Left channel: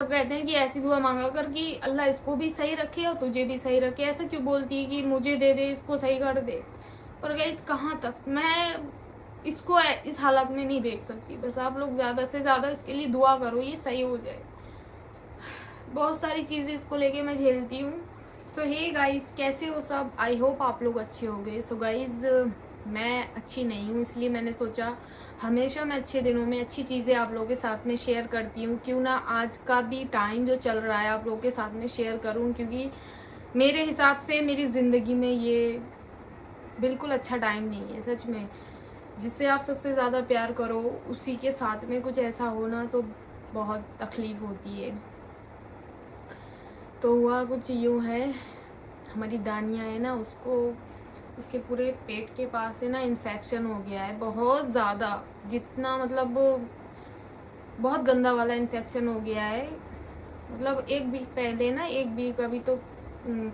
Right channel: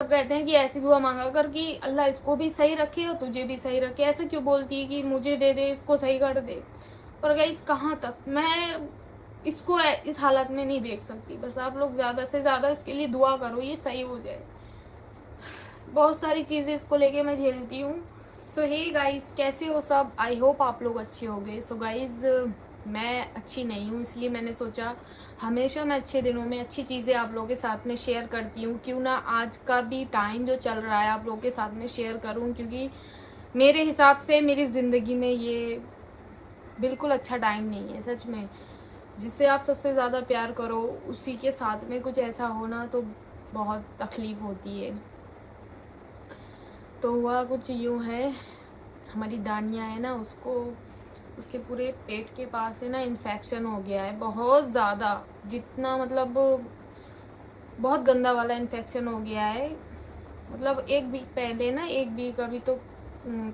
सब कहते हैं कि ऐसी दुआ मांगा कर कि अल्लाह इसको भी सही रखे और तुझे भी सही रखे। ऐसा क्यों बोलती है कि मुझे दे दे, इसको सही कर दे। पर गाइस कहाँ तक मैं इसको इस हालत में नहीं देख सकती। बस आप लोग ज्यादा से ज्यादा इसके लिए दुआ करो, ये सही हो जाए। बहुत सारी चीजें इसको लेके मैं झेलती हूँ। सो हे गाइस, कैसे हो सब? आई होप आप लोग अच्छे होंगे। सो गाइस, मैं अच्छी नहीं हूँ, इसलिए मैंने सोचा हमेशा मैं अच्छे दिनों में अच्छी चीजें आप लोगों के साथ में शेयर करती हूँ, क्यों ना आज का भी टाइम जो चल रहा है आप लोगों के साथ में शेयर करूँ, क्योंकि मेरे हिसाब से मेरी जिंदगी में ये बिल्कुल अच्छा टाइम नहीं है। सच में, जिससे आप सबसे ज्यादा प्यार करो उसी के साथ में कुछ ऐसा हो ना तो बहुत तकलीफ होती है। तो हुआ कुछ यूँ है, हमारी दानिया है ना, उसके पूरे पेट के पास है ना इन्फेक्शन हो गया है बहुत ज़्यादा, जितना मतलब बहुत गंदा वाला इन्फेक्शन हो गया है। मतलब एक वीक पहले ना, एक वीक अभी तो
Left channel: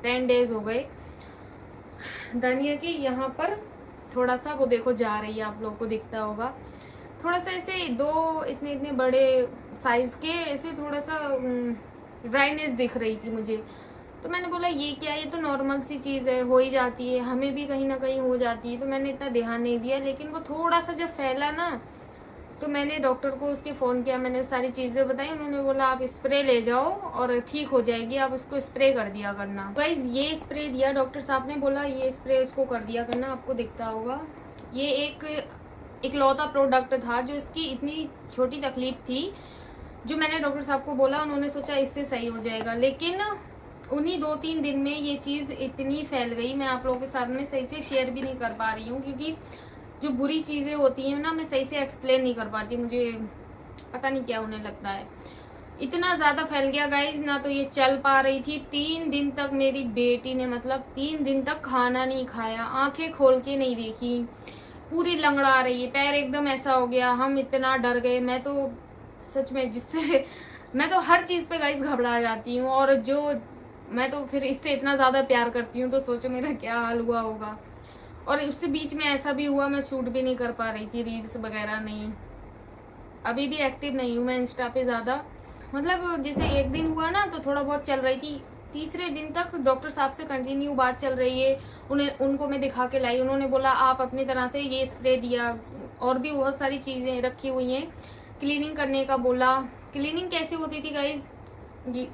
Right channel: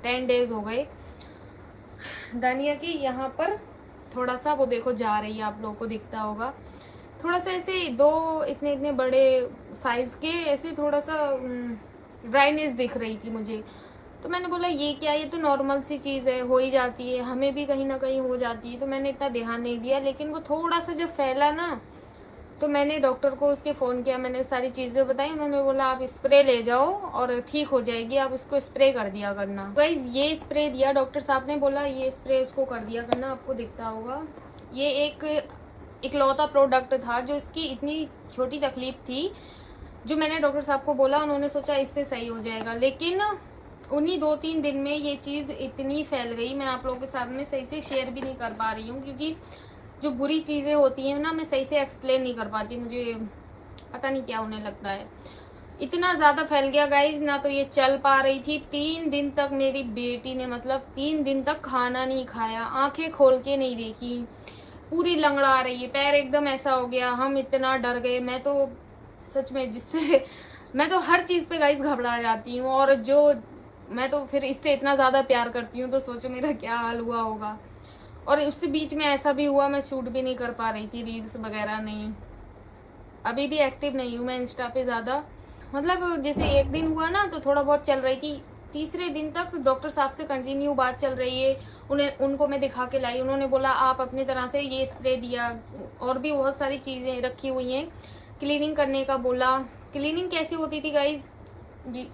10 डेज हो गए, दानिया के यहाँ पर थोड़ा सा वो देखो जा रही है, आप लोगों को दिखता होगा, थोड़ा सा ऐसे दो इतने इतने बड़े साइज के ऐसे थोड़ा सा ड्राइनेस दिख रही थी मुझे। तो मैंने बोला ये क्या, ये तो नॉर्मल सी चीज़ है, हो ही जाती है, हमें भी कहीं ना कहीं हो जाती है। तो मैंने इतना ध्यान नहीं दिया, लेकिन वो थोड़ा सा जब फैला ना तो मैंने डॉक्टर को उसके फ़ोन किया, मैंने सारी चीज़ें बताई। उन्होंने बोला आप स्प्रे ले जाओ और ठीक हो जाएगी, आप उसको स्प्रे कर दिया करना। गाइस ये स्प्रे दिया डॉक्टर साहब ने, बोला ये स्प्रे उसको कर दिया करना, आपको दिखता होगा। ये एक इकलौता प्रोडक्ट था जो इसकी इतनी छोटी तकलीफ थी, जो मैंने डॉक्टर साहब को बोला, उन्होंने सोचा इससे सही हो जाएगा। लेकिन उन्हीं 2-3 दिन में ये चीज़ इतनी फैल गई, मैं आप लोगों के साथ में सही से शेयर भी नहीं कर पा रही हूँ, क्योंकि जो बुरी चीज़ें होती हैं ना मैं सही से एक्सप्लेन नहीं कर पाती, मुझे पता नहीं क्या होने लगता है। इतना ज़्यादा फैल गया गाइज, ना तो ये चल पा रही थी। 3 दिन तक मेरी बेटी ने, मतलब 3 दिन तक खाना नहीं खाया, आंखें खोल के नहीं देखी, पूरी लंगड़ा रही है, पैर एकदम ऐसा हो गया। हम इतना डर गए, मैं तो सच में, जिससे मैं तो हर चीज़ पे गाइज घबरा जाती हूँ, और जो मैं तो फिर इससे इतना ज़्यादा प्यार करती हूँ, तो सोचो मेरा क्या हाल हुआ होगा। और उससे बीच में ऐसा भी हुआ, मैं शूट भी नहीं कर पा रही थी, रील्स वगैरह नहीं। अभी भी एक्टिव नहीं हूँ मैं इंस्टा पे ज़्यादा, मतलब जैसे एक दिन हुआ ना तो थोड़ा बहुत चल रही थी, तीसरे दिन तक डॉक्टर साहब से कंटिन्यू बात चल रही है। उनको मैं दिखा के लाई, उन्होंने बोला आप अपनी तरह से ये स्प्रे दिया, और भी बहुत सारी चीज़ें रखी हुई हैं, क्लीनिंग करने का बोला। क्लीनिंग कैसे होती थी गाइज,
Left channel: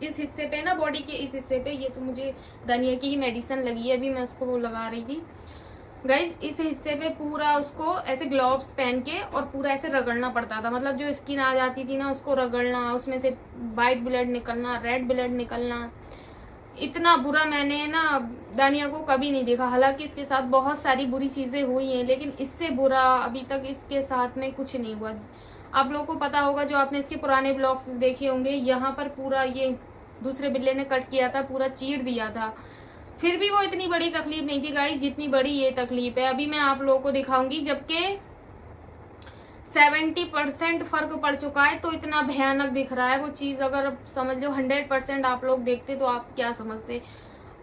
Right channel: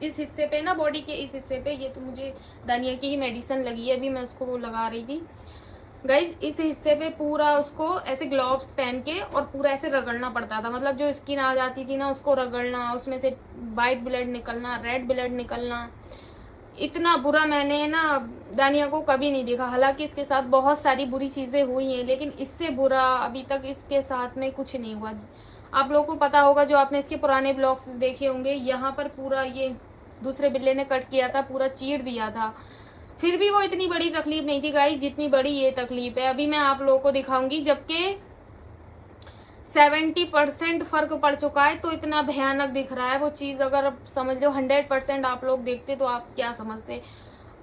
इस हिस्से पे ना, बॉडी के इस हिस्से पे, ये तो मुझे दानिया की ही मेडिसिन लगी है, अभी मैं उसको वो लगा रही थी गाइज। इस हिस्से पे पूरा उसको ऐसे ग्लव्स पहन के और पूरा ऐसे रगड़ना पड़ता था, मतलब जो स्किन आ जाती थी ना उसको रगड़ना, उसमें से वाइट ब्लड निकलना, रेड ब्लड निकलना। इतना बुरा मैंने ना दानिया को कभी नहीं देखा। हालांकि इसके साथ बहुत सारी बुरी चीजें हुई हैं, लेकिन इससे बुरा अभी तक इसके साथ में कुछ नहीं हुआ। आप लोगों को पता होगा, जो आपने इसके पुराने ब्लॉग्स देखे होंगे, यहाँ पर पूरा ये दूसरे बिल्ले ने कट किया था, पूरा चीर दिया था, फिर भी वो इतनी बड़ी तकलीफ नहीं थी गाइस जितनी बड़ी ये तकलीफ है। अभी मैं आप लोगों को दिखाऊंगी, जबकि 70% फर्क पड़ चुका है, तो इतना भयानक दिख रहा है वो चीज। अगर समझ लो 100% आप लोग देखते तो आप क्या समझते।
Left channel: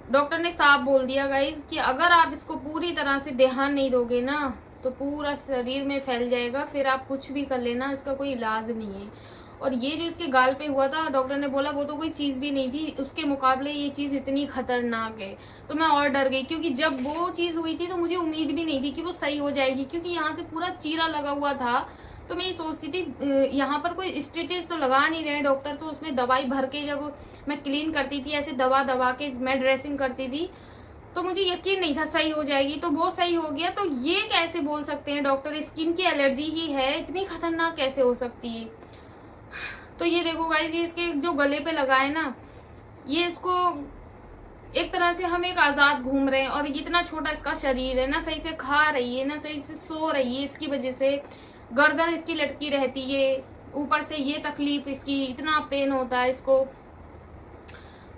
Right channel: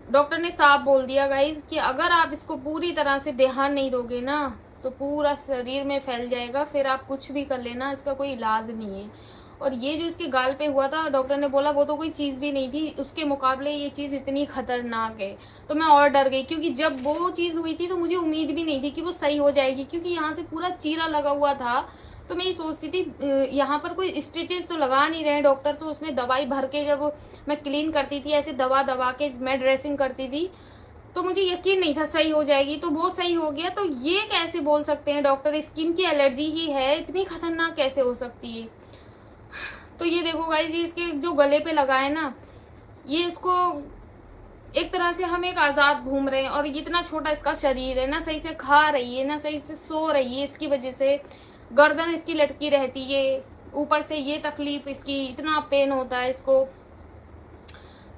डॉक्टर ने साफ बोल दिया गाइज कि अगर आप इसको पूरी तरह से ध्यान नहीं दोगे ना तो पूरा शरीर में फैल जाएगा, फिर आप कुछ भी कर लेना, इसका कोई इलाज नहीं है। और ये जो इसके गाल पे हुआ था, डॉक्टर ने बोला वो तो कोई चीज भी नहीं थी, उसके मुकाबले ये चीज इतनी खतरनाक है। तो मैं और डर गई, क्योंकि जब वो चीज हुई थी तो मुझे उम्मीद भी नहीं थी कि वो सही हो जाएगी, क्योंकि यहाँ से पूरा चीरा लगा हुआ था। तो मैं ये सोचती थी यहाँ पर कोई स्टिचेस तो लगा नहीं रहे डॉक्टर, तो उसमें दवाई भर के जब मैं क्लीन करती थी, ऐसे दवा दबा के मैं ड्रेसिंग करती थी, तो मुझे यकीन नहीं था सही हो जाएगी। तो वो सही हो गया। तो ये कैसे बोल सकते हैं डॉक्टर, स्किन की एलर्जी ही है, इतनी खतरनाक कैसे हो सकती है। तो ये देखो गाइस, ये इसके जो गले पे लगा है ना, ये इसको एक तरह से हम एक आजाद घूम रहे हैं, और इतना छोटा इसका शरीर है, ना सही से खा रही है ना सही से सो रही है, इसकी वजह से गर्दन इसकी लटकी रहती है, ऊपर से ये तकलीफ इसकी, इतना पेन होता है इसको।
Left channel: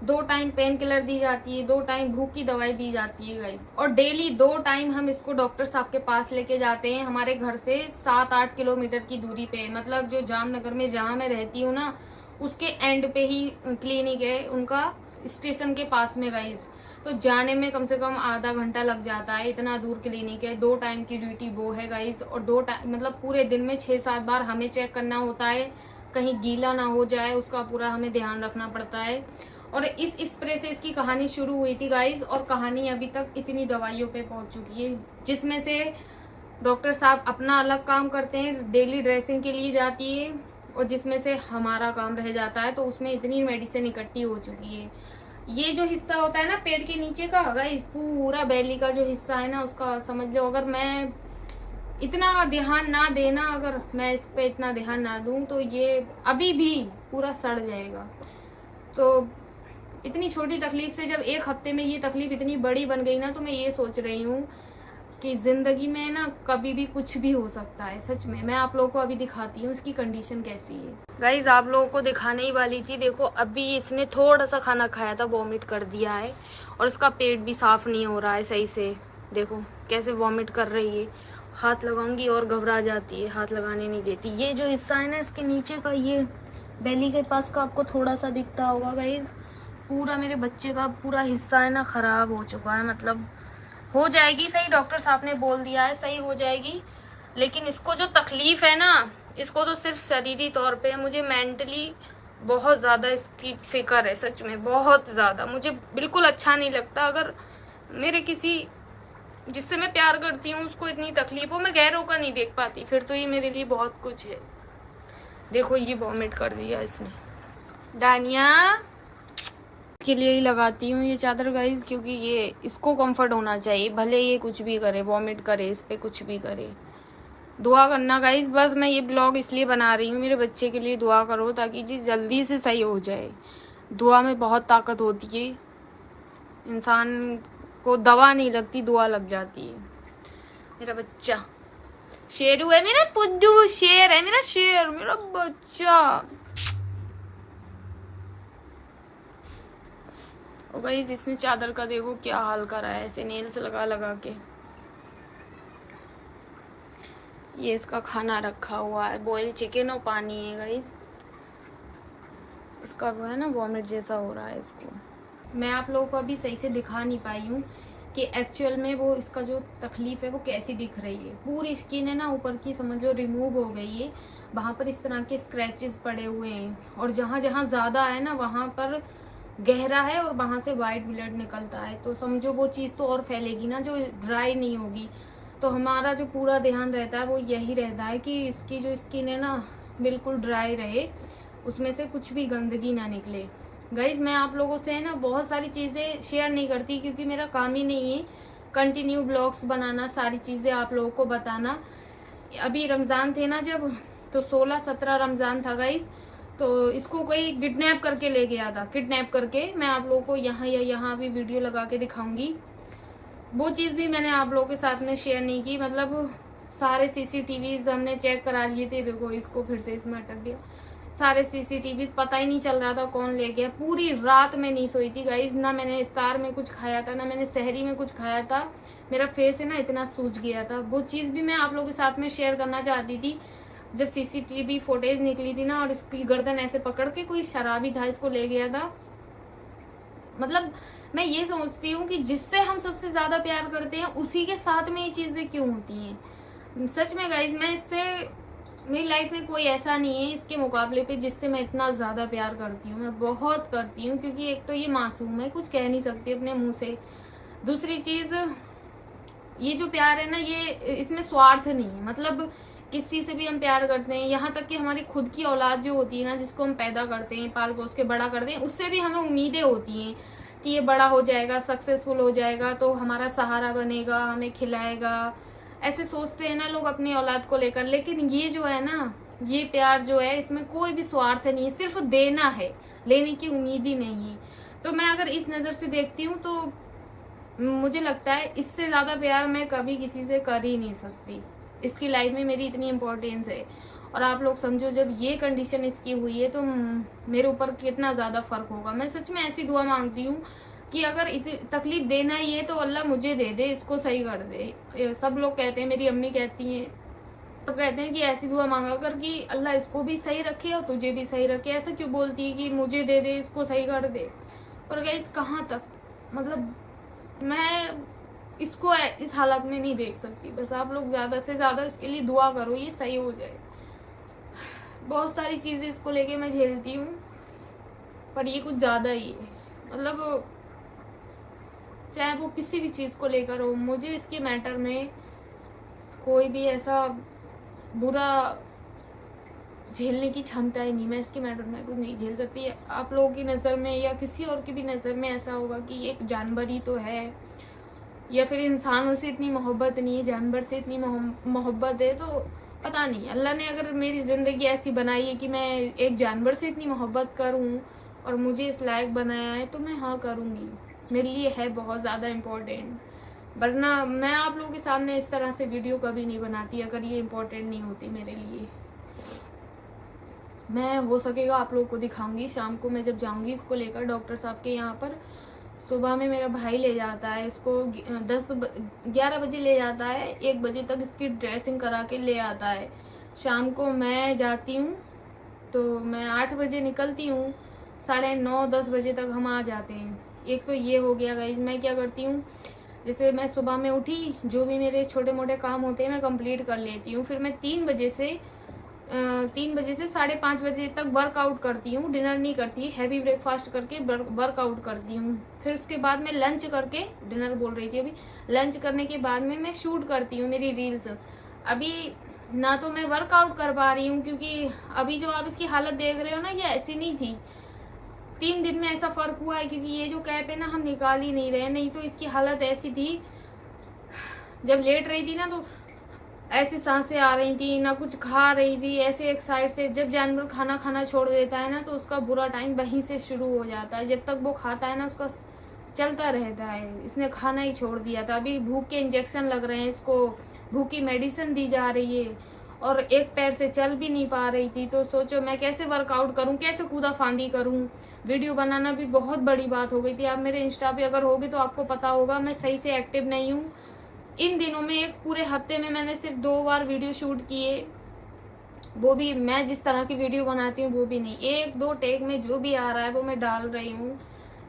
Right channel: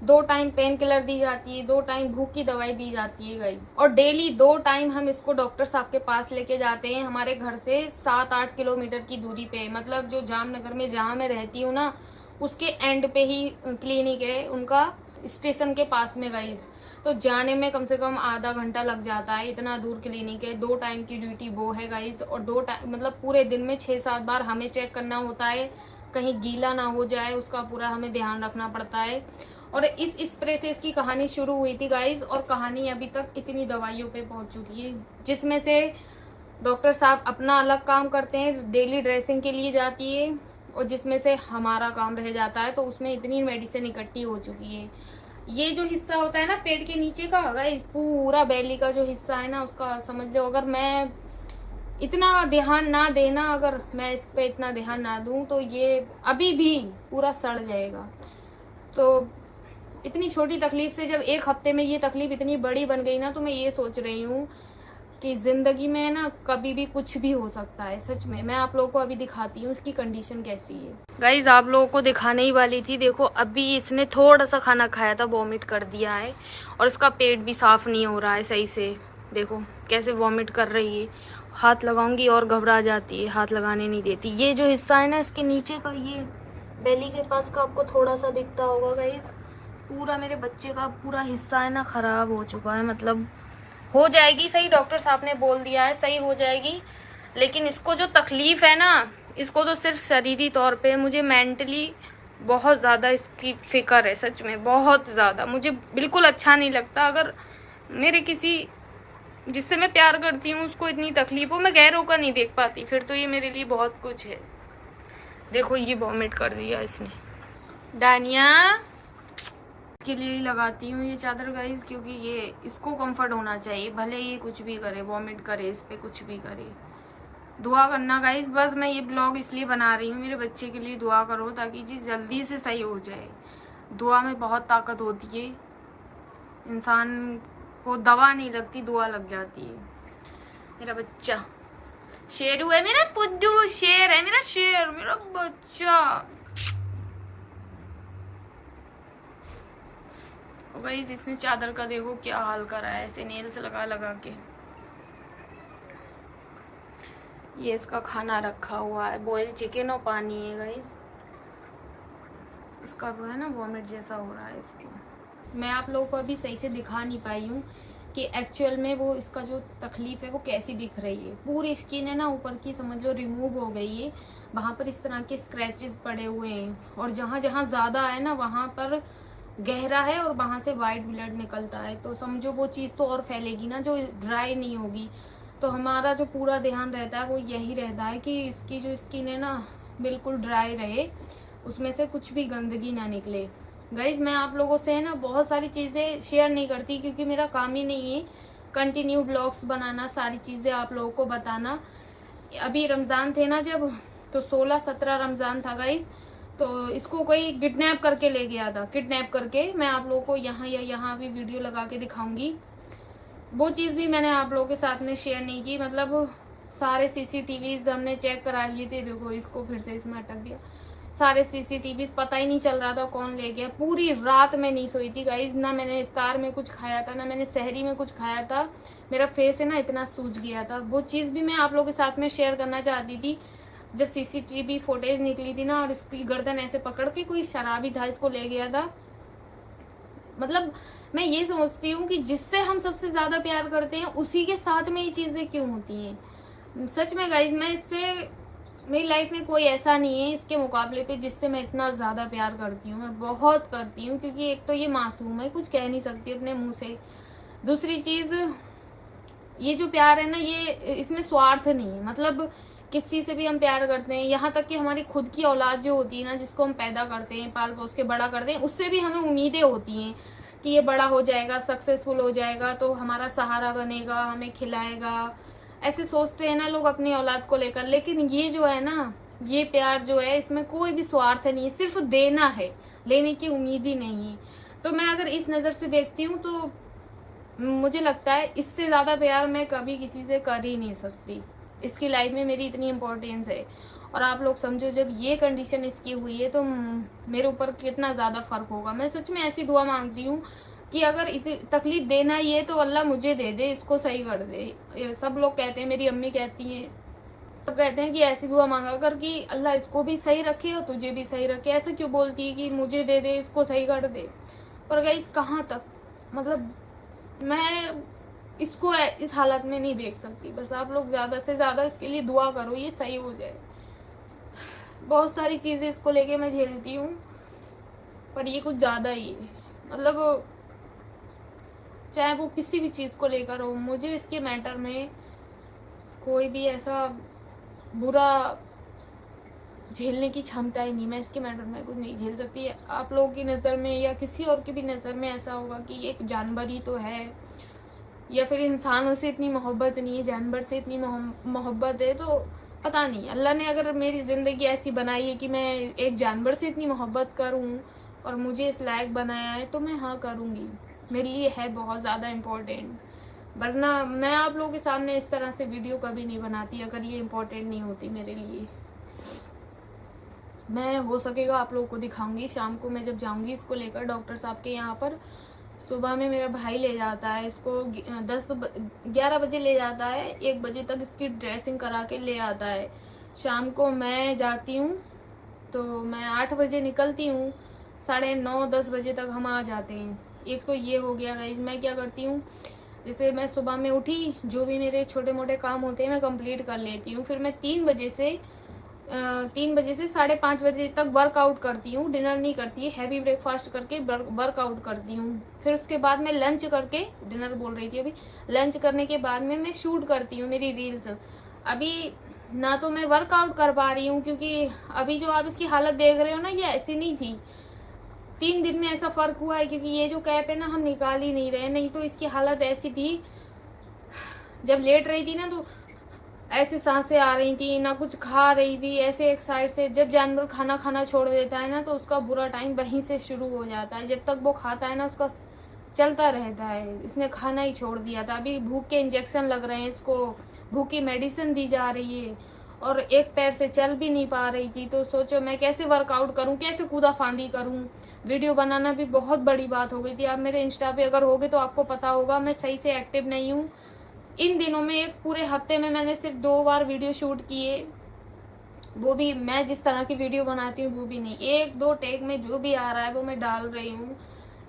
2 टाइम पेन किलर दी जाती है, 2 टाइम भूख की दवाई दी जाती है गाइस, और डेली 2 टाइम हम इसको डॉक्टर साहब के पास लेके जाते हैं। हमारे घर से 7-8 किलोमीटर की दूरी पे, मतलब जो जामनगर में जहाँ मैं रहती हूँ ना, उसके एंड पे ही क्लिनिक है उनका, स्टेशन के पास में गाइस। तो जाने में कम से कम आधा घंटा लग जाता है, इतना दूर क्लिनिक है। 2 टाइम की ड्यूटी वो है गाइस, और 2 टाइम मतलब पूरे दिन में 6-7 बार हमें चेक करना होता है, कहीं गीला ना हो जाए, उसका पूरा हमें ध्यान रखना पड़ता है। और इस स्प्रे से इसकी कहानी शुरू हुई थी गाइस, और कहानी अभी तक इतनी दवाइयों पे पहुंच चुकी है, जिसमें से डॉक्टर साहब अपना अलग काम करते हैं, डेली ड्रेसिंग के लिए जाती है, और जिसमें से हमारा काम रह जाता है, तो उसमें इतनी मेडिसिन इकट्ठी हो चुकी है। ये जो हिस्सा होता है ना पेट के नीचे का, अगर इस पूरा बैली का जो हिस्सा है ना, उसका समझ लो अगर मैं इतना ध्यान ना देना, अगर मैं इस पे इतना ध्यान ना दूं, तो ये अभी भी पूरा सड़ जाएगा। तो इतनी छोटी तकलीफ से जब एक हफ्ते में ये तकलीफ इतनी बड़ी बन गई ना, तो मैं ये सोच रही हूँ कि जिंदगी में ना कभी भी कुछ भी हो सकता है। सच में मैं आप लोगों को अभी दिखाती हूँ इसकी कंडीशन कैसी है। गाइज आप लोगों को दिखाने ही वाली थी, देखो अभी इसने थोड़ा सा खाना खाया था, वॉमिट कर दिया है, और इसका पेट भी साफ नहीं हो रहा है सही से। देखो कैसे वॉमिट कर रही है, हाथ लगाऊंगी और घबरा जाती है, हाथ लगाने नहीं देती। ये जो हिस्सा है ना इसके नीचे का, ये बेली के पास का, आपको थोड़ा सा दिखता होगा गाइज, पूरा मेरे बच्चे का पूरा हिस्सा है ना खराब हो चुका है। मतलब हो जाएगी सही, डॉक्टर साहब ने बोल दिया है सही हो जाएगी, लेकिन इसको जो तकलीफ है ना, इसको तो सिर्फ शरीरी तौर पे, मुझे मेंटली बहुत ज़्यादा इसकी फिक्र है। सच में बहुत ज़्यादा, मुझे बिल्कुल अच्छा नहीं लगता अगर मेरे किसी जिससे मैं प्यार करती हूँ उसको इतनी तकलीफ हो, मैं गैरों का नहीं देख पाती, फिर तो ये मेरे लिए बहुत कुछ है। देखो ये वॉमिट कर दिया इसने। दानिया के लिए ही लगाती हूँ ये चादर गाइस, क्योंकि ये इसको कंफर्ट होना चाहिए, भले ये कुछ भी करे, वॉमिट करे, इस पे कुछ भी करे। दुआ करना गाइस, बस मैं ये ब्लॉग इसलिए बना रही हूँ, मेरे बच्चे के लिए दुआ करो ताकि जी जल्दी से सही हो जाए। दुआ में बहुत ताकत होती है, इंसान को दवा नहीं लगती, दुआ लग जाती है। मेरा बच्चा शेरू है, मेरा पुद्दू शेर है, मेरा शेर, मेरा बच्चा। और गाइस इसने चादर का देखो क्या हाल करा है, ऐसे नेल्स लगा लगा के। ये इसका खाना रखा हुआ है, बॉयल चिकन और पानी है गाइस। इसका वो है ना वॉमिट जैसा हो रहा है इसको। मैं आप लोगों को अभी सही से दिखा नहीं पाई हूँ कि एक्चुअल में वो इसका जो तकलीफ है वो कैसी दिख रही है। पूरी स्किन है ना ऊपर की समझ लो रिमूव हो गई है, वहाँ पर इस तरह के स्क्रैचेस पड़े हुए हैं, और जहाँ जहाँ ज़्यादा है ना वहाँ पर गहरा है, और वहाँ से वाइट ब्लड निकलता है। तो समझो वो चीज़ तो और फैलेगी ना, जो ड्राई नहीं होगी। तो हमारा जो पूरा ध्यान रहता है वो यही रहता है कि इसकी जो स्किन है ना बिल्कुल ड्राई रहे, उसमें से कुछ भी गंदगी ना निकले। गाइज मैं आप लोगों से है ना बहुत सारी चीज़ें शेयर नहीं करती, क्योंकि मेरा काम ही नहीं है कंटिन्यू ब्लॉग्स बनाना, सारी चीज़ें आप लोगों को बताना। अभी रमज़ान थे ना जब, तो 16-17 रमज़ान था गाइज, तो इसको कोई किडनैप करके ले गया था। किडनैप करके मैं आप लोगों को यहाँ या यहाँ भी वीडियो लगा के दिखाऊंगी। वो चीज़ भी मैंने आप लोगों के साथ में शेयर नहीं की। मतलब सारे सीसीटीवी हमने चेक करा लिए थे, देखो इसको फिर से इसमें अटक दिया। सारे सीसीटीवी पता ही नहीं चल रहा था कौन ले गया। पूरी रात में नहीं सोई थी गाइज, ना मैंने इफ्तार में कुछ खाया था, ना मैंने सहरी में कुछ खाया था। मेरा फेस है ना इतना सूज गया था। वो चीज़ भी मैं आप लोगों के साथ में शेयर करना चाहती थी। जब सीसीटीवी फुटेज निकली थी ना, और इसकी गर्दन ऐसे पकड़ के कोई शराबी था इसको ले गया था। मतलब मैं ये सोचती हूँ कि जिससे हम सबसे ज्यादा प्यार करते हैं उसी के साथ में ये चीजें क्यों होती हैं। सच में गाइज मैं इससे, मेरी लाइफ में कोई ऐसा नहीं है इसके मुकाबले पे जिससे मैं इतना ज्यादा प्यार करती हूँ। मैं बहुत करती हूँ, क्योंकि एक तो ये मासूम है, कुछ कह नहीं सकती अपने मुंह से। दूसरी चीज, ये जो प्यार है ना, ये इसमें स्वार्थ नहीं है। मतलब किसी से भी हम प्यार करते हैं, यहाँ तक कि हमारी खुद की औलाद जो होती है ना, जिसको हम पैदा करते हैं, पाल पोस के बड़ा करते हैं, उससे भी हमें उम्मीदें होती हैं कि ये बड़ा हो जाएगा, सक्सेसफुल हो जाएगा, तो हमारा सहारा बनेगा, हमें खिलाएगा। ऐसे सोचते हैं ना लोग अपनी औलाद को लेकर। लेकिन ये जो है ना, ये प्यार जो है, इसमें कोई भी स्वार्थ नहीं, सिर्फ देना है, लेने की उम्मीद ही नहीं है। तो मैं अगर इस नजर से देखती हूँ तो मुझे लगता है इससे ज्यादा प्यार मैं कभी किसी से कर ही नहीं सकती। इसकी लाइफ में मेरी इतनी इम्पोर्टेंस है। और आप लोग समझो जब ये कंडीशन इसकी हुई है तो मेरे ऊपर कितना ज्यादा फर्क होगा। मैं सच में ऐसी दुआ मांगती हूँ कि अगर तकलीफ देना ही है तो अल्लाह मुझे दे दे, इसको सही कर दे। सब लोग कहते हैं, मेरी अम्मी कहती हैं, तो कहते हैं कि ऐसी दुआ मांगा कर कि अल्लाह इसको भी सही रखे और तुझे भी सही रखे। ऐसा क्यों बोलती है कि मुझे दे दे, इसको सही कर दे। पर गाइस कहाँ तक, मतलब मैं इसको इस हालत में नहीं देख सकती। बस आप लोग ज्यादा से ज्यादा इसके लिए दुआ करो, ये सही हो जाए। बहुत सारी चीज़ें इसको लेके मैं झेलती हूँ, पर ये कुछ ज़्यादा ही है। मतलब चाहे वो किसी भी चीज़ को लेकर हो, मुझे इसके मैटर में कोई भी ऐसा बुरा झेलने की क्षमता ही नहीं। मैं इसके मैटर में कुछ नहीं झेल सकती। आप लोगों की नज़र में या किसी और की भी नज़र में ऐसा होगा कि एक जानवर ही तो है, या फिर इंसानों से इतनी मोहब्बत नहीं है, जानवर से इतनी मोहब्बत है। तो पता नहीं, अल्लाह ने अगर मेरी ज़िंदगी ऐसी बनाई है कि मैं एक जानवर से इतनी मोहब्बत करूँ और मुझे इस लायक बनाया है, तो मैं हाँ करूँगी। मेरे लिए है बहुत ज़्यादा इम्पोर्टेंट, वरना मैं आप लोगों के सामने इस तरह से वीडियो कभी नहीं बनाती अगर ये इम्पोर्टेंट नहीं होती मेरे लिए। मैं हो सकेगा आप लोगों को दिखाऊंगी। शाम को मैं जब जाऊंगी इसको लेकर डॉक्टर साहब के यहाँ पर, सुबह में मेरा भाई ले जाता है इसको, 11 बजे ले जाता है, 1 बजे तक इसकी ड्रेसिंग करा के ले आता है। शाम को मैं जाती हूँ तो मैं 8 बजे निकलती हूँ, 9:30-10 बजे तक हम आ जाते हैं। एक तो ये हो गया गाइस। मैं क्या करती हूँ, जैसे मैं सुबह में उठी, जो भी मेरे छोटे मोटे काम होते हैं मैं कंप्लीट कर लेती हूँ। फिर मैं 3 बजे से 5:30 बजे तक वर्कआउट करती हूँ। डिनर नहीं करती, हैवी ब्रेकफास्ट करके वर्कआउट करती हूँ। फिर उसके बाद मैं लंच करके, डिनर बोल रही थी अभी, लंच करने के बाद में मैं शूट करती हूँ मेरी रील्स। अभी ना तो मैं वर्कआउट कर पा रही हूँ, क्योंकि अभी जो आप इसकी हालत देख रहे हो ना, ये ऐसी नहीं थी। 3 दिन में ऐसा फर्क हुआ है, क्योंकि ये जो कैप है ना हम निकाल ही नहीं रहे, नहीं तो इसकी हालत ऐसी थी। जब लेट रही थी ना तो ऐसे सांसें आ रही थी, ना कुछ खा रही थी, ऐसे एक साइड से। जब जानवर खाना खाना छोड़ देता है ना तो उसका बुरा टाइम वहीं से शुरू हो जाता है। जब तक वो खाता है ना उसका चलता रहता है। इसने खाना ही छोड़ दिया था। अभी भूख के इंजेक्शन लग रहे हैं इसको, भूख की मेडिसिन दी जा रही है, और एक पैर से चल भी नहीं पा रही थी। तो सोचो मैं कैसे वर्कआउट करूं, कैसे कूदा फांदी करूं। वीडियो बनाना भी बहुत बड़ी बात हो गई थी। आप मेरे इंस्टा पे अगर होगे तो आपको पता होगा मैं सही से एक्टिव नहीं हूँ। इन दिनों में एक पूरे हफ्ते में मैंने सिर्फ 2 बार वीडियो शूट किए, वो भी मैं जिस तरह की वीडियो बनाती हूँ वो भी नहीं। 1-2 टेक में जो भी आ रहा है वो मैं डाल रही हूँ।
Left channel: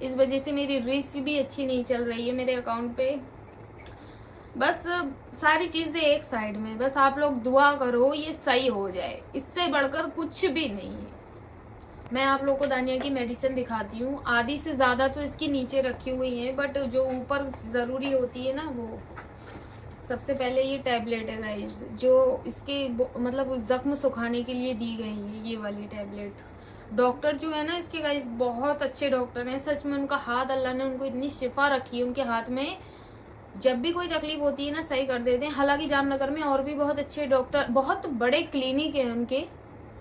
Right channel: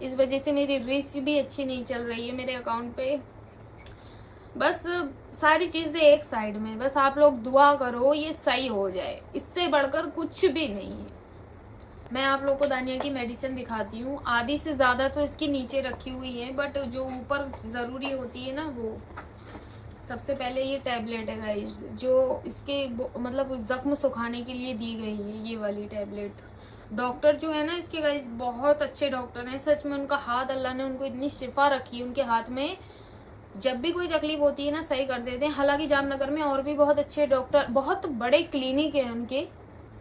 इस वजह से मेरी रीच भी अच्छी नहीं चल रही है मेरे अकाउंट पे। बस सारी चीजें एक साइड में, बस आप लोग दुआ करो ये सही हो जाए, इससे बढ़कर कुछ भी नहीं है। मैं आप लोगों को दानिया की मेडिसिन दिखाती हूँ। आधी से ज्यादा तो इसकी नीचे रखी हुई है, बट जो ऊपर जरूरी होती है ना, वो सबसे पहले ये टैबलेट है गाइस, जो इसके मतलब जख्म सुखाने के लिए दी गई है। ये वाली टैबलेट, डॉक्टर जो है ना इसके गाइस बहुत अच्छे डॉक्टर हैं। सच में उनका हाथ, अल्लाह ने उनको इतनी शिफा रखी है उनके हाथ में। जब भी कोई तकलीफ होती है ना सही कर देते हैं। हालांकि जामनगर में और भी बहुत अच्छे डॉक्टर, बहुत बड़े क्लिनिक है उनके,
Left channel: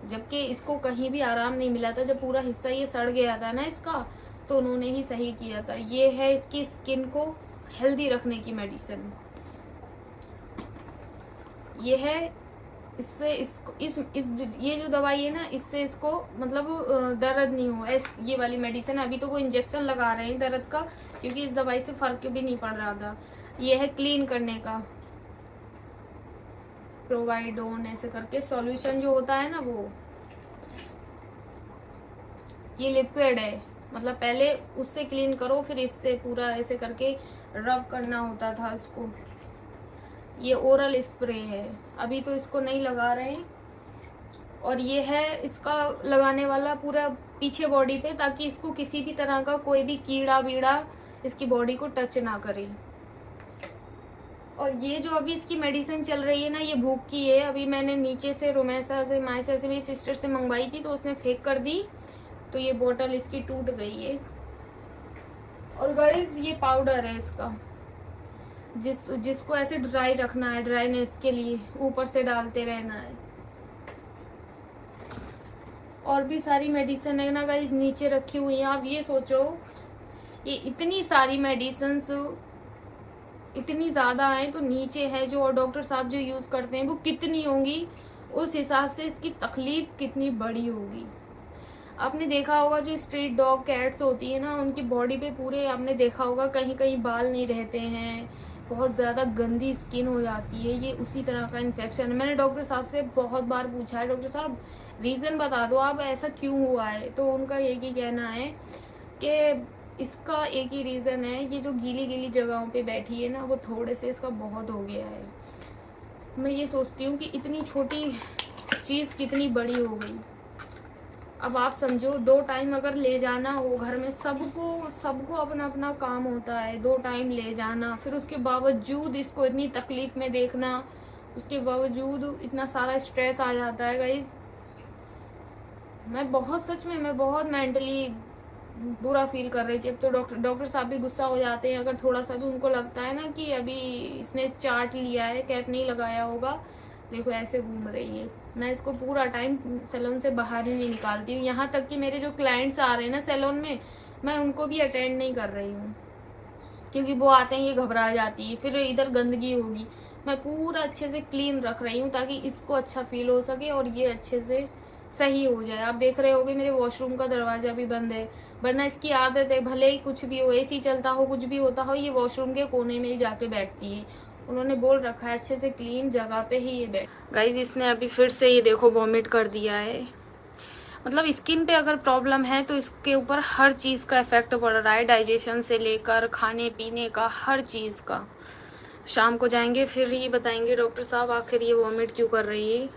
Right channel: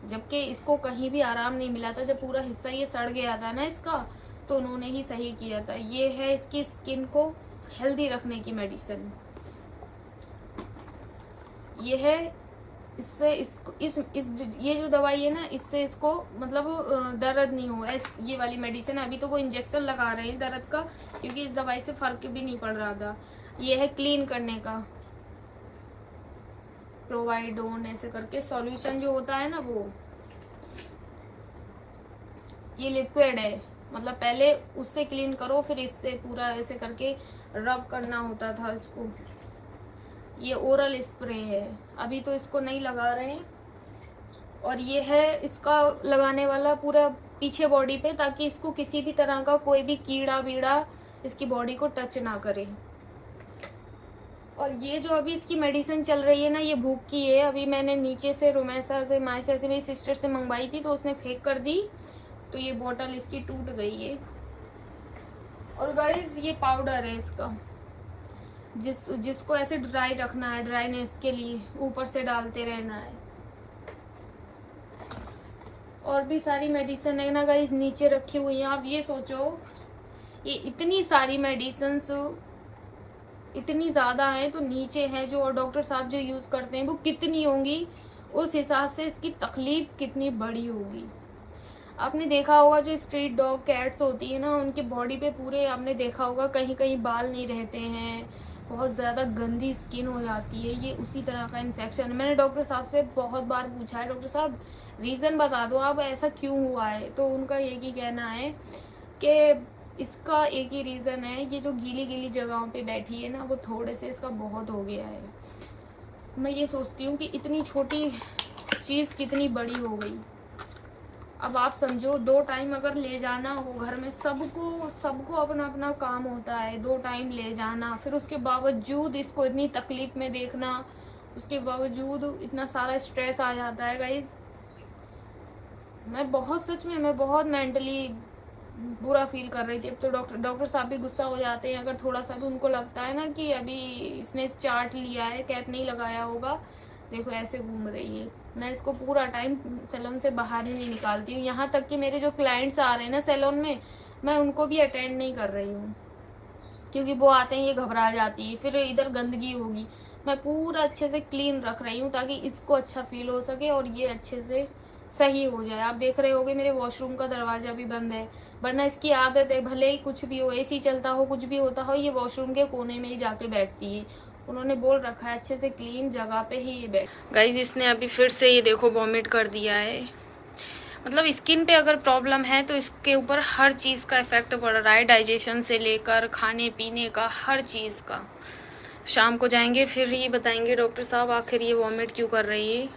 जबकि इसको कहीं भी आराम नहीं मिला था। जब पूरा हिस्सा ये सड़ गया था ना इसका, तो उन्होंने ही सही किया था। ये है इसकी स्किन को हेल्दी रखने की मेडिसिन। ये है, इससे इसको ये जो दवाई है ना, इससे इसको मतलब दर्द नहीं हो। ये वाली मेडिसिन, अभी तो वो इंजेक्शन लगा रहे हैं दर्द का, क्योंकि इस दवाई से फर्क भी नहीं पड़ रहा था। ये है क्लीन करने का, प्रोवाइडोन ऐसे करके सॉल्यूशन जो होता है ना वो। ये लिक्विड है, मतलब पहले उससे क्लीन करो, फिर इससे पूरा ऐसे करके रब करना होता था इसको। ये ओरल स्प्रे है, अभी तो इसको नहीं लगा रहे हैं। और ये है इसका लगाने वाला पूरा पीछे बॉडी पे, ताकि इसको किसी भी तरह का कोई भी कीड़ा बीड़ा इसकी बॉडी को टच ना करे। और ये जो अभी इसकी मेडिसिन चल रही है ना, ये भूख की है। अभी मैंने नीचे से रुमैसा से, मायसा से, मेरी सिस्टर से मंगवाई थी, तो उसने फेंक कर दी, तो ये बोतल इसकी टूट गई है। और गाइस ये पाउडर है इसका, जिसको ऐसे ड्राई रखना है, ड्राईनेस के लिए ऊपर से डालते रहना है। और भी सारी मेडिसिन है ना गाइस नीचे रखी हुई है। आप ये सोचो, ये इतनी सारी मेडिसिन इतनी ज्यादा है, तो नीचे है जो डॉक्टर साहब जो यूज करते हैं वो कितनी होंगी, उस हिसाब से इसकी तकलीफ कितनी बड़ी होगी। आपने देखा होगा जो स्ट्रीट डॉग कैट्स होती है ना, उनके बॉडी पे पूरे आपने देखा होगा कहीं कहीं बाल नहीं रहते हैं, बहुत ज्यादा गंदी स्किन हो जाती है। ये उसी तरह का इन्फेक्शन है। मैंने डॉक्टर साहब से बहुत बार पूछा है, डॉक्टर साहब रीजन बता दो आप, ऐसा क्यों हुआ है। तो उनका एक ही कहना है कि इसका एक ही रीजन है, ये जो गीली गीली जगहों पे बैठी है ना, वो थोड़े से इसका बहुत हो गया है। मैं ये सोचती हूँ कि इतनी छोटी चीज़ कितनी बड़ी हो गई। अब आप समझो 2 टाइम अगर ले जाना हो, घर में सबको अपना अपना काम होता है, 2 टाइम ले जाना, फिर उसके बावजूद इसको इतनी तकलीफ में देखना, उसके बावजूद इतना सारा स्ट्रेस आ जाता है गाइज। सच में मैं बहुत मेंटली बुरा फील कर रही थी। अब तो डॉक्टर साहब भी गुस्सा हो जाते हैं अगर थोड़ा सा भी उनको लगता है ना कि अभी इसने चाट लिया है, कैप नहीं लगाया होगा, देखो ऐसे घूम रही है। मैं इसको पूरा टाइम सैलून से बाहर ही नहीं निकालती हूँ। यहाँ तक कि मेरे जो क्लाइंट्स आ रहे हैं ना सैलून में, मैं उनको भी अटेंड नहीं कर रही हूँ, क्योंकि वो आते हैं ये घबरा जाती है, फिर इधर गंदगी होगी। मैं पूरा अच्छे से क्लीन रख रही हूँ ताकि इसको अच्छा फील हो सके और ये अच्छे से सही हो जाए। आप देख रहे होगे मेरे वॉशरूम का दरवाजा भी बंद है, वरना इसकी आदत है भले ही कुछ भी हो, एसी चलता हो, कुछ भी होता हो, ये वॉशरूम के कोने में ही जाके बैठती है। उन्होंने बोल रखा है अच्छे से क्लीन जगह पे ही ये बैठ। गाइज इसने अभी फिर से ये देखो वॉमिट कर दिया है। मतलब स्किन पे अगर प्रॉब्लम है तो इसके ऊपर हर चीज़ का इफेक्ट पड़ रहा है, डाइजेशन से लेकर खाने पीने का, हर चीज़ का। शाम को जाएंगे फिर ही बताएंगे डॉक्टर साहब आखिर ये वॉमिट क्यों कर रही है।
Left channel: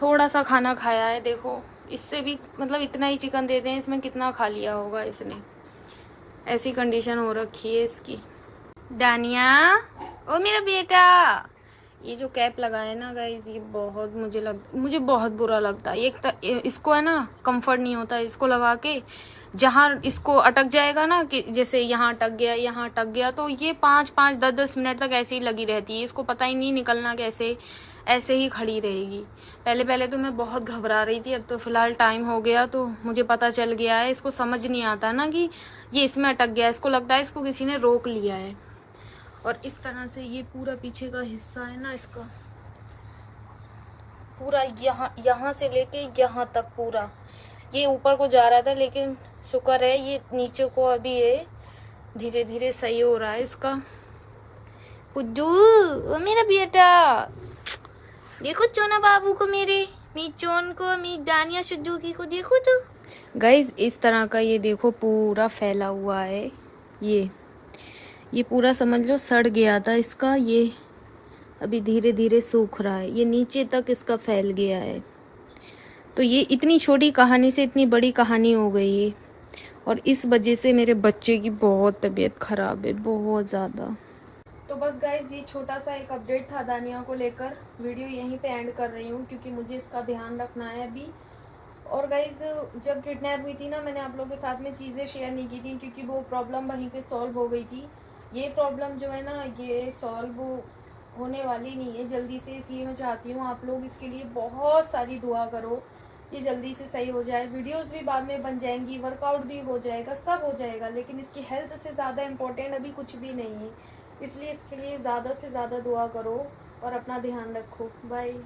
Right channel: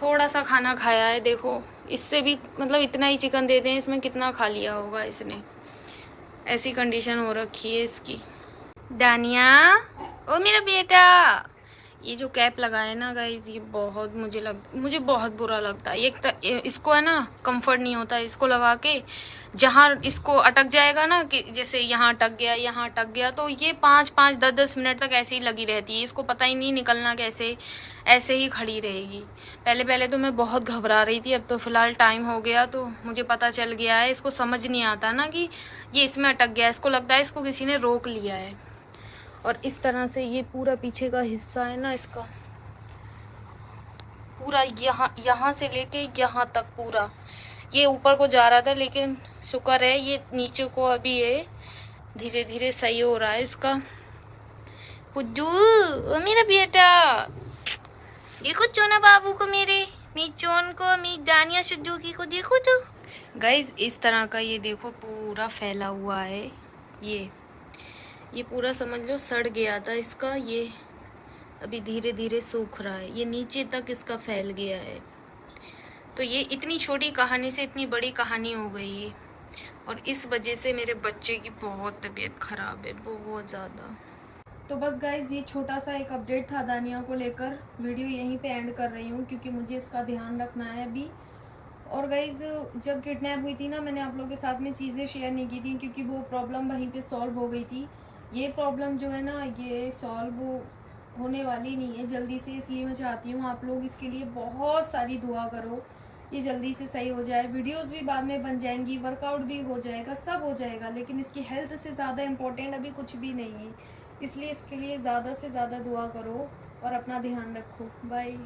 थोड़ा सा खाना खाया है, देखो इससे भी मतलब इतना ही चिकन देते हैं, इसमें कितना खा लिया होगा इसने। ऐसी कंडीशन हो रखी है इसकी। दानिया, ओ मेरा बेटा, ये जो कैप लगाए ना गाइज, ये बहुत मुझे बहुत बुरा लगता है। इसको है ना कंफर्ट नहीं होता इसको लगा के। जहाँ इसको अटक जाएगा ना, कि जैसे यहाँ अटक गया, यहाँ अटक गया, तो ये 5-5 10-10 मिनट तक ऐसे ही लगी रहती है। इसको पता ही नहीं निकलना कैसे, ऐसे ही खड़ी रहेगी। पहले तो मैं बहुत घबरा रही थी, अब तो फिलहाल टाइम हो गया तो मुझे पता चल गया है। इसको समझ नहीं आता ना कि ये इसमें अटक गया, इसको लगता है इसको किसी ने रोक लिया है। और इस तरह से ये पूरा पीछे का हिस्सा है ना इसका, पूरा यहाँ से लेके यहाँ तक पूरा ये ऊपर को जा रहा था, लेकिन शुक्र है ये नीचे को अभी ये धीरे धीरे सही हो रहा है इसका। पुज्जू, ओ मेरा बेटा, देखो चोना बाबू को, मेरे मीचोन को, मी दानिया सुजुकी को देखो तो। गाइज इस तरह का ये देखो पूरा फैला हुआ है। ये पूरा समझ लो सड़ गया था इसका, ये अभी धीरे धीरे सूख रहा है, ये नीचे तक इसका फैल गया है। तो ये इतनी छोटी कहानी से इतनी बड़ी कहानी हो गई है, और इस वजह से मेरे बच्चे की बहुत तबीयत खराब है, बहुत ज़्यादा। तो बस गाइज ये छोटा सा एक अपडेट था दानिया को लेकर। वीडियो यहीं पे एंड कर रही हूँ क्योंकि मुझे इसका ध्यान रखना है अभी। और गाइज जब किडनैप हुई थी ना, मैंने आप लोगों के साथ में चीज़ें शेयर नहीं की थी क्योंकि वो प्रॉब्लम वहीं पे सॉल्व हो गई थी। ये प्रॉब्लम जो है ना, ये सॉल्व होने वाली नहीं है जल्दी से, इसलिए मैं चाहती हूँ आप लोग इसके लिए बहुत सारी दुआ करो, ये जल्दी से सही हो जाए। वीडियोस भी बाद में बन जाएंगी, वर्कआउट भी हो जाएगा, सब हो जाएगा, लेकिन इसकी हेल्थ से ज़्यादा इम्पोर्टेंट अभी कुछ भी नहीं है। इसलिए इसके लिए ज़्यादा से ज़्यादा दुआ करो और अपना ध्यान रखो। बाय।